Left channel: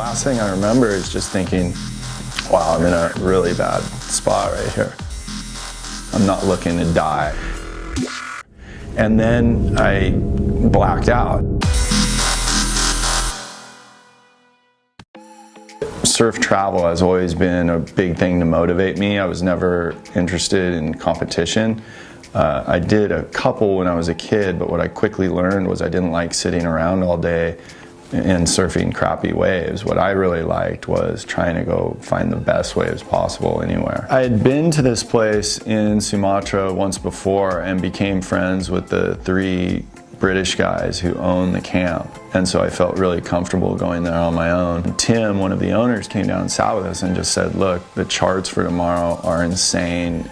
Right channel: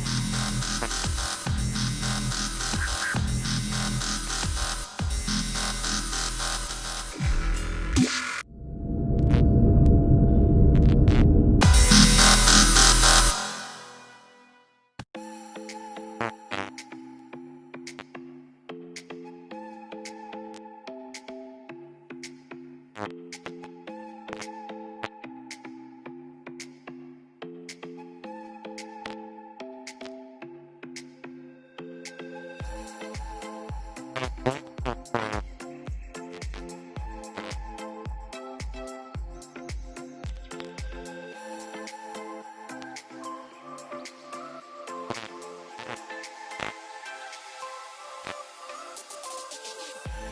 last thing I remember is just thinking, wow, I'm in a really bad spot right here. I'm not looking to die. And then I blacked out. Surf travel has always been a big thing to motivate me. I was never interested in competition. I did a couple when I was a kid, but what I quickly learned was I didn't like sitting around all day and surfing crappy waves. What I really liked was trying to go find the best waves possible anywhere. I had been to this place in Sumatra once before and became friends with the 3 British guys who own the camp, and so I felt really comfortable going there on my own. Tim, one of the owners, came down and sat with us and just said, look, the charts for tomorrow are insane.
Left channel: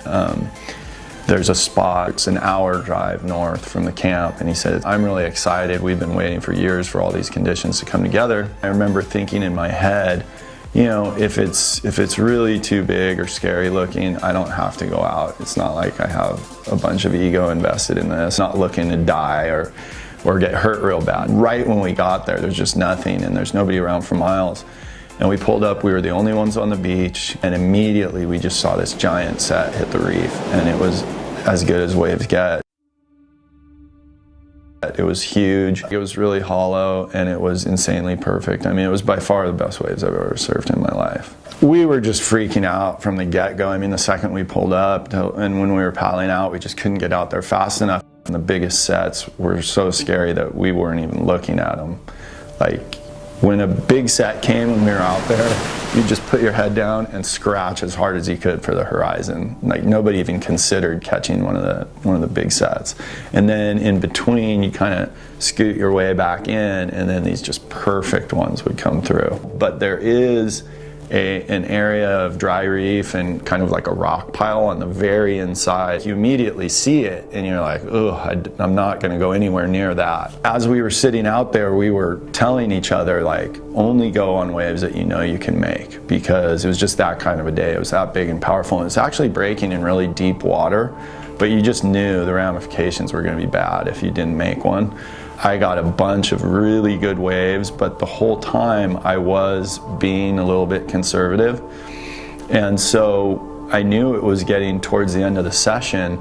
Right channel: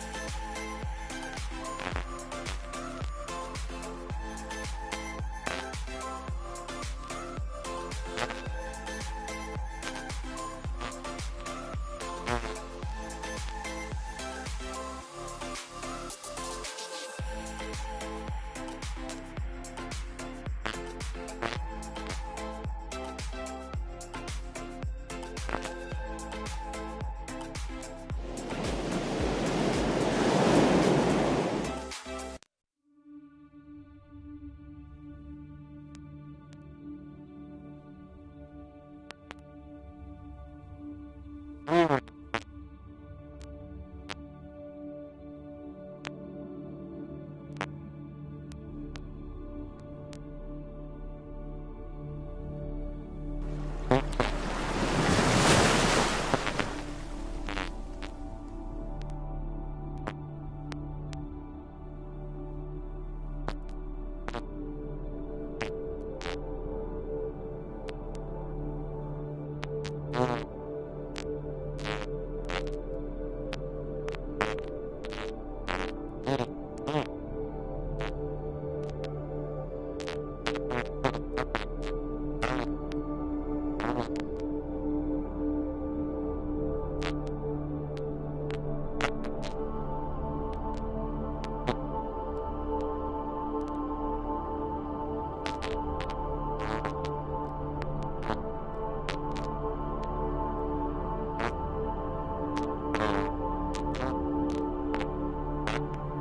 There's a spot, it's an hour drive north from the camp, and he said, I'm really excited. We've been waiting for years for all these conditions to come together. I remember thinking in my head, you know, if it's really too big or scary looking, I don't have to go out. It's not like I have a bunch of ego invested in this, not looking to die or get hurt real bad. Right when we got there, there's just nothing, and there's nobody around for miles. And we pulled up, we were the only ones on the beach, and immediately we just saw this giant set hit the reef, and it was as good as waves get. It was huge, it was really hollow, and it was insanely perfect. I mean, it was by far the best waves I've ever surfed in my life. We were just freaking out from the get-go. I mean, the second we pulled up, and when we were paddling out, we just couldn't get out there fast enough. And the biggest sets were so scary that we weren't even looking at them. Like, when a big set came and we were out there, you just put your head down and scratch as hard as you could for the horizon. Like, nobody even considered catching one of the big sets. And then in between, you kind of scoot your way back in, and then these just perfect ones would come through. But there is an area of dry reef and kind of like a rock pile on the very inside. You immediately see it and you're like, oh, I'm not going to go anywhere near that. As we were sitting out there, we were telling each other, like, only go on waves that you know you can make, because it was just that kind of a day. It was that big and powerful, and it's actually breaking in really deep water, but you just knew the ramifications were going to be bad if you didn't make one. I got a bunch of really good waves, but the whole time I was being a little bit conservative. And so I knew it was getting towards the end of the session,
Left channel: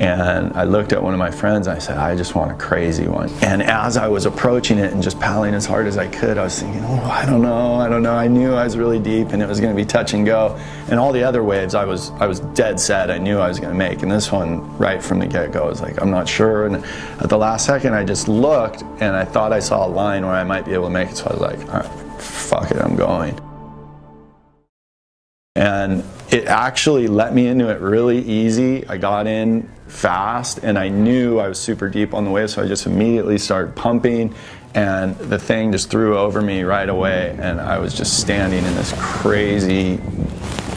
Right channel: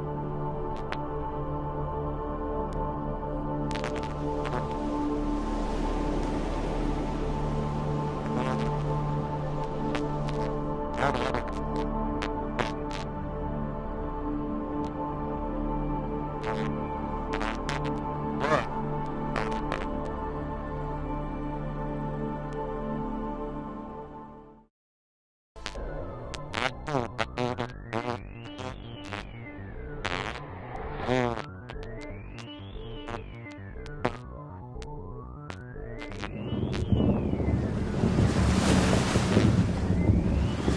and I looked at one of my friends and I said, I just want a crazy one. And as I was approaching it and just paddling as hard as I could, I was thinking, oh, I don't know. I knew I was really deep and it was going to be touch and go. And all the other waves I was dead set I knew I was going to make. And this one, right from the get-go, I was like, I'm not sure. And at the last second, I just looked and I thought I saw a line where I might be able to make it. So I was like, all right, fuck it, I'm going. And it actually let me into it really easy. I got in fast and I knew I was super deep on the wave, so I just immediately started pumping, and the thing just threw over me right away, and I was just standing in this crazy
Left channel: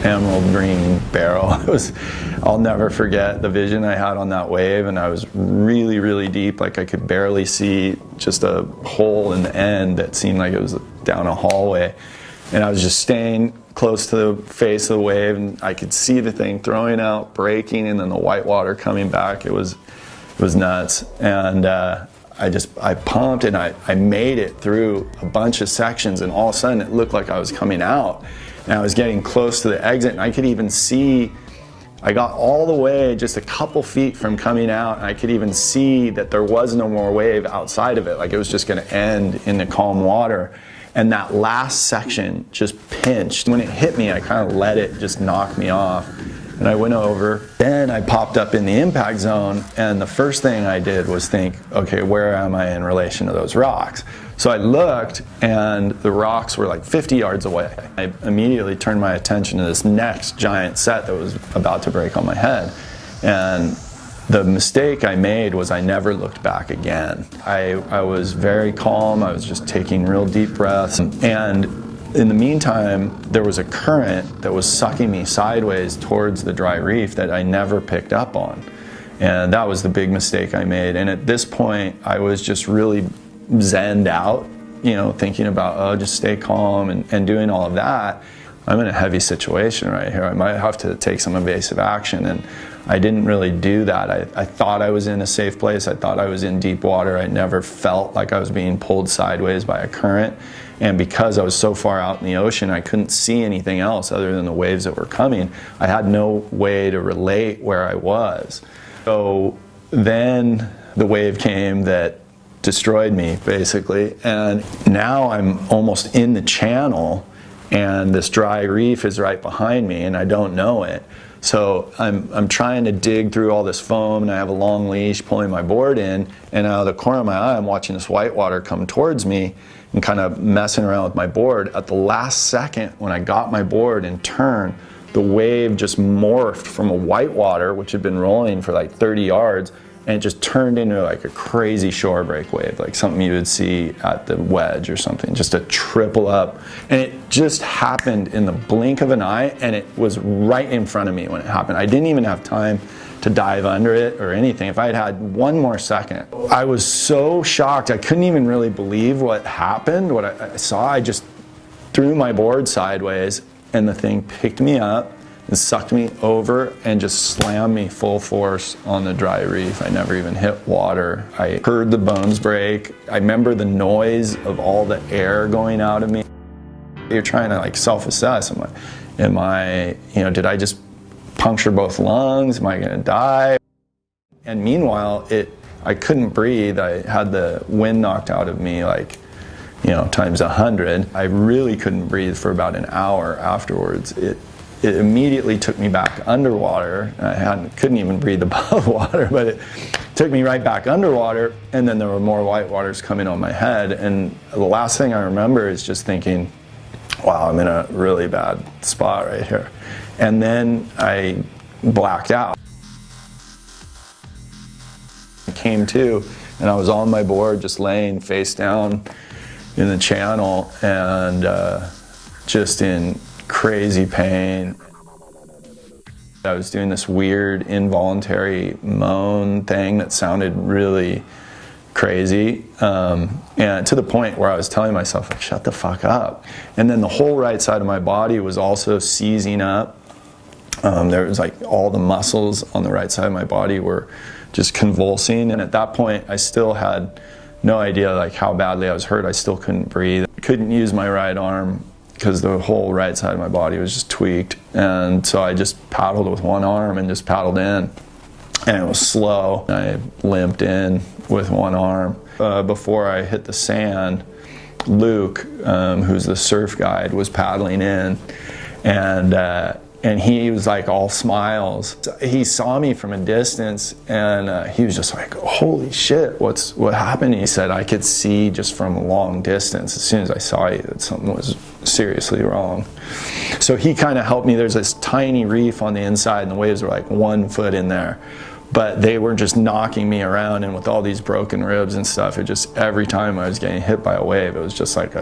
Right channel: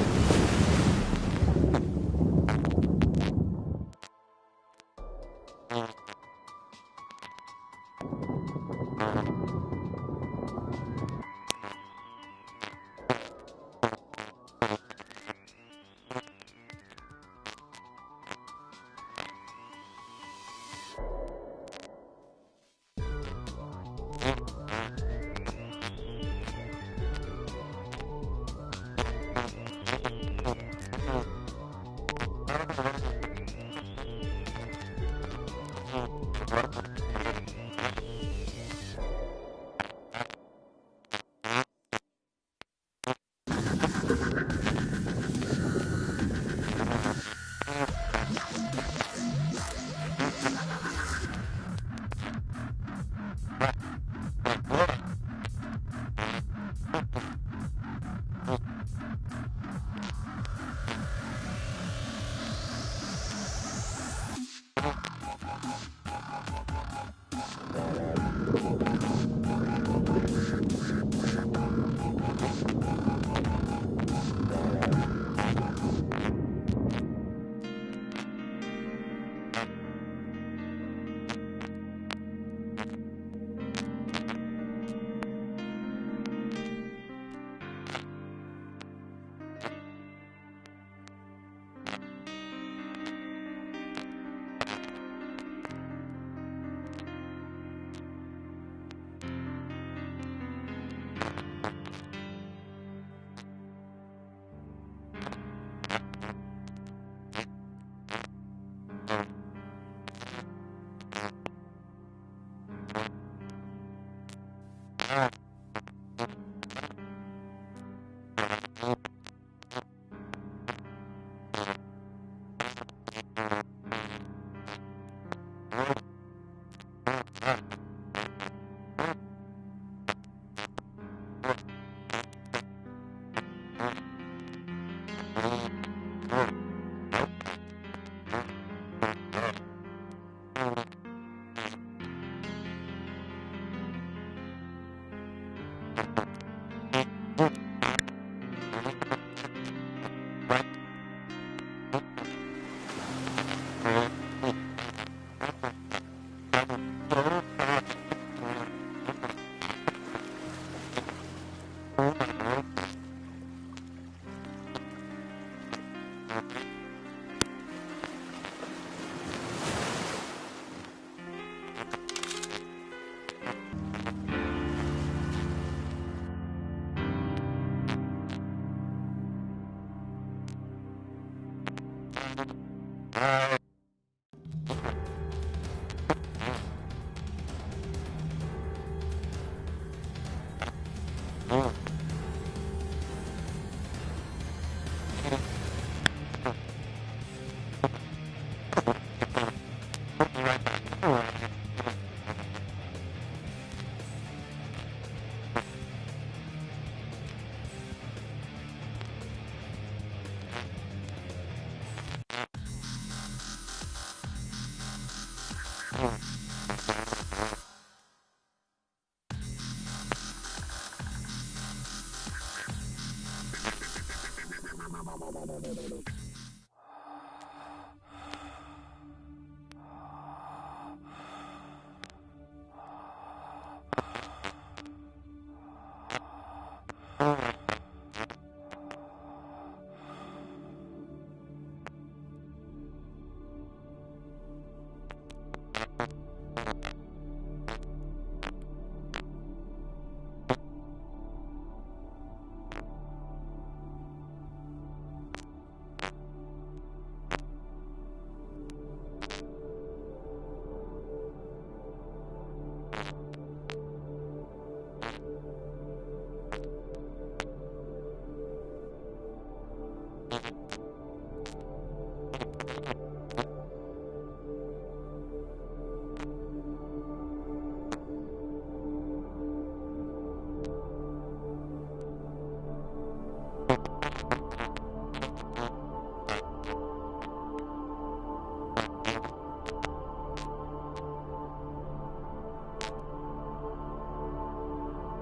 emerald green barrel. I'll never forget the vision I had on that wave, and I was really, really deep. Like, I could barely see just a hole in the end that seemed like it was down a hallway. And I was just staying close to the face of the wave, and I could see the thing throwing out, breaking, and then the white water coming back. It was nuts. And I pumped, and I made it through a bunch of sections, and all of a sudden it looked like I was coming out. And I was getting close to the exit, and I could even see, I got all the way just a couple feet from coming out, and I could even see that there was no more wave outside of it. Like, it was just going to end in the calm water. And that last section just pinched. When it hit me, I kind of let it just knock me off. And I went over. Then I popped up in the impact zone, and the first thing I did was think, okay, where am I in relation to those rocks? So I looked, and the rocks were like 50 yards away. I immediately turned my attention to this next giant set that was about to break on my head. And the mistake I made was I never looked back again. I was very calm. I was just taking real deep breaths. And in the meantime, there was a current that was sucking me sideways towards the dry reef that I never picked up on. And that was the big mistake I made. And at this point, I was just really zenned out, you know, thinking about, oh, just stay calm and doing all of that. I'm in a heavy situation right here. I might have to take some evasive action. And I didn't really do that. I thought I was in a safe place. I thought I was in deep water. I never felt like I was being pulled sideways by a current. And because I was so far out in the ocean, I couldn't see anything else other than the waves that were coming. I had no way to relate where I was. So then the wave came that destroyed me, basically. And now I'm almost in the channel, and this dry reef is right behind me, and I don't know it. So I'm trying to dig through all this foam, and I have a long leash pulling my board in, and out of the corner of my eye, I'm watching this whitewater come towards me and kind of messing around with my board. At the last second, when I got my board and turned, the wave just morphed from a whitewater, which had been rolling for like 30 yards, and it just turned into like a crazy shore break wave, like something you would see at the Wedge or something, just a triple up. And it just happened in the blink of an eye, and it was right in front of me when it happened. I didn't even have time to dive under it or anything. If I had had one more second, I was so shocked. I couldn't even really believe what happened, what I saw. I just threw my board sideways, and the thing picked me up and sucked me over and just slammed me full force on the dry reef. I never even hit water. I heard the bones break. I remember the noise of all the air going out of me. You're trying to like self-assess. Am I, did I just puncture both lungs? Am I gonna die? And meanwhile, I couldn't breathe. I had the wind knocked out of me like, times 100. I really couldn't breathe for about an hour afterwards. It immediately took me back underwater. I couldn't even breathe above water, but it took me right back underwater, and then there were more whitewaters coming on my head. And the last thing I remember is just thinking, wow, I'm in a really bad spot right here. And then I blacked out. I came to, and I was on my board just laying face down in the channel, and just in crazy pain. I was doing this weird involuntary moan thing that sounded really crazy, and to the point where I was telling myself, like, shut the fuck up. And then the whole right side of my body was also seizing up. There was like all the muscles on the right side of my body were just convulsing, and at that point I still had no idea like how badly I was hurt. I still couldn't breathe. I couldn't use my right arm because the whole right side of my body was just tweaked. And so I just paddled with one arm and just paddled in. And it was slow. I limped in with one arm. Before I hit the sand, Luke, who's the surf guide, was paddling in. And he was like all smiles. He saw me from a distance, and he was just like, holy shit, what happened? He said, I could see just from a long distance, as soon as I saw you, that something was seriously wrong. So he kind of helped me. There's this tiny reef on the inside, and the waves were like 1 foot in there. But they were just knocking me around, and with all these broken ribs and stuff, it just, every time I was getting hit by a wave, it was just like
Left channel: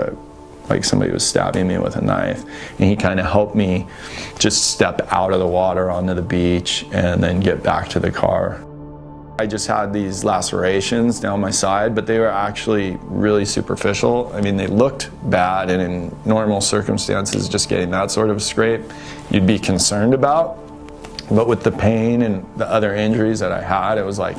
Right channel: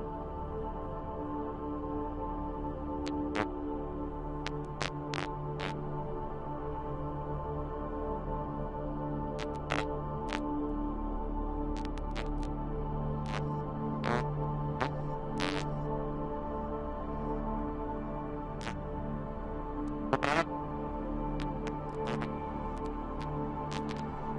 somebody was stabbing me with a knife. And he kind of helped me just step out of the water onto the beach and then get back to the car. I just had these lacerations down my side, but they were actually really superficial. I mean, they looked bad, and in normal circumstances, just getting that sort of scrape, you'd be concerned about. But with the pain and the other injuries that I had, it was like,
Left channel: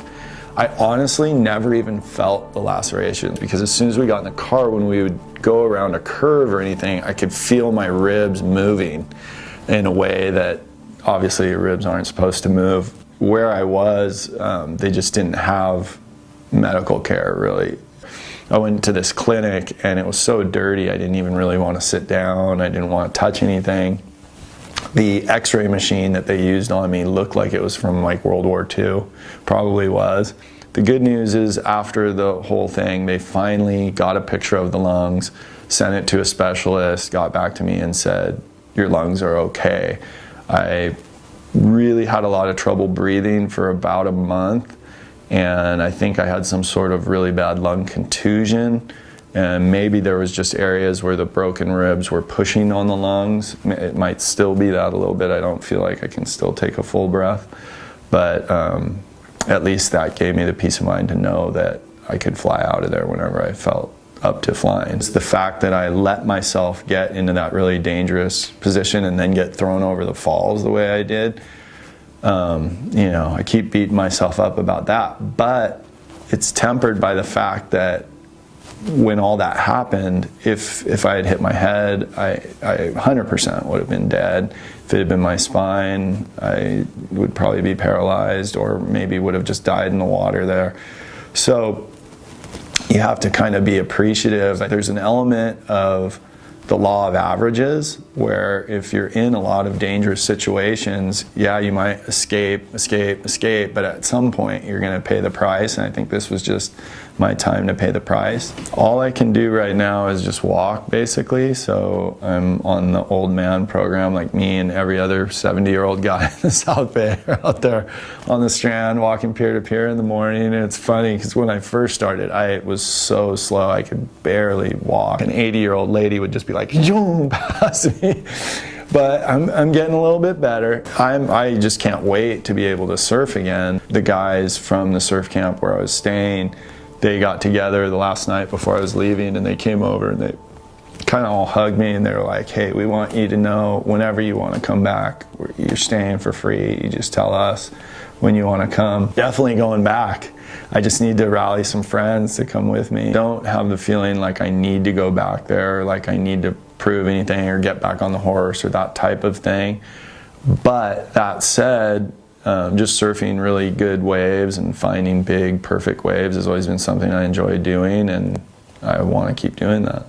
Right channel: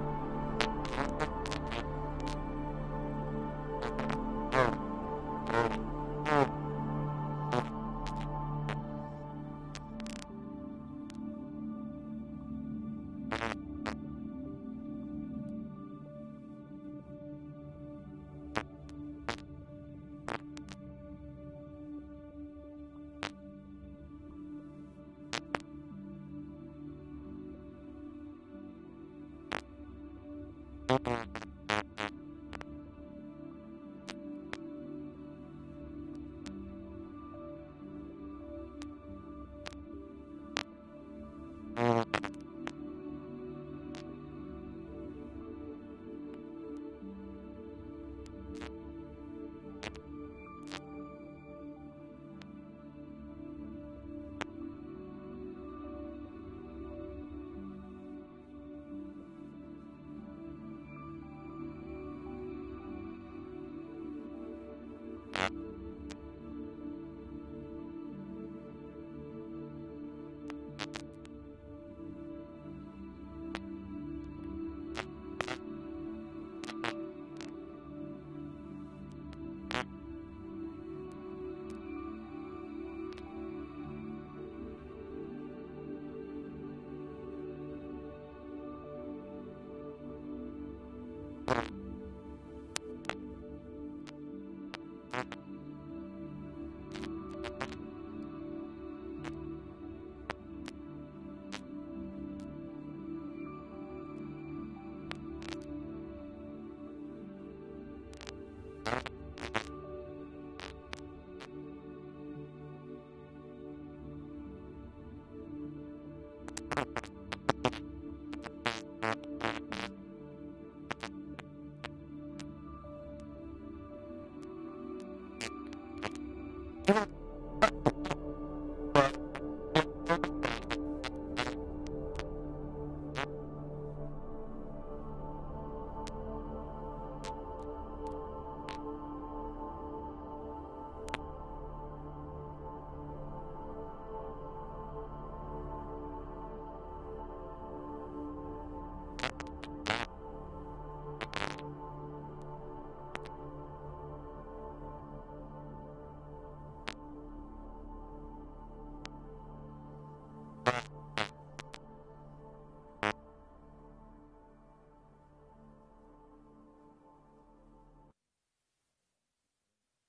I honestly never even felt the lacerations, because as soon as we got in the car, when we would go around a curve or anything, I could feel my ribs moving in a way that obviously your ribs aren't supposed to move. Where I was, they just didn't have medical care, really. I went to this clinic, and it was so dirty, I didn't even really want to sit down. I didn't want to touch anything. The x-ray machine that they used on me looked like it was from like World War II, probably was. The good news is, after the whole thing, they finally got a picture of the lungs, sent it to a specialist, got back to me and said, your lungs are okay. I really had a lot of trouble breathing for about a month, and I think I had some sort of really bad lung contusion. And maybe there was just areas where the broken ribs were pushing on the lungs. It might still be that a little bit. I don't feel like I can still take a full breath. But at least that gave me the peace of mind to know that I could fly out of there whenever I felt up to flying. It's the fact that I let myself get into that really dangerous position and then get thrown over the falls the way I did. I keep beating myself up about that. But it's tempered by the fact that when all that happened, if I had hit my head, I 100% would have been dead. If it had been my spine, I would probably be paralyzed, or maybe would have just died in the water there. So you have to kind of be appreciative. There's an element of the law of averages, where if you're in a lot of dangerous situations, yeah, you might escape, but at some point you're going to pay the price, and I think this was just my time to pay the price. All I can do right now is just walk, basically. So I'm on the old man program, like me and every other 70-year-old guy in the South Bay are out there on the Strand walking peer to peer in the morning. And it's funny because when I first started, I was so slow I could barely walk. An 80-year-old lady would just be like, zoom past me. But I'm getting a little bit better. I just can't wait to be able to surf again. The guys from the surf camp where I was staying, they got together the last night before I was leaving, and they came over and they kind of all hugged me, and they were like, hey, we want you to know whenever you want to come back, you're staying for free. You just tell us when you want to come. Definitely going back. I just need to rally some friends to come with me. Don't have the feeling like I need to go back there, or like I need to prove anything or get back on the horse or that type of thing. But that said, just surfing really good waves and finding big, perfect waves has always been something I enjoy doing, and I want to keep doing that.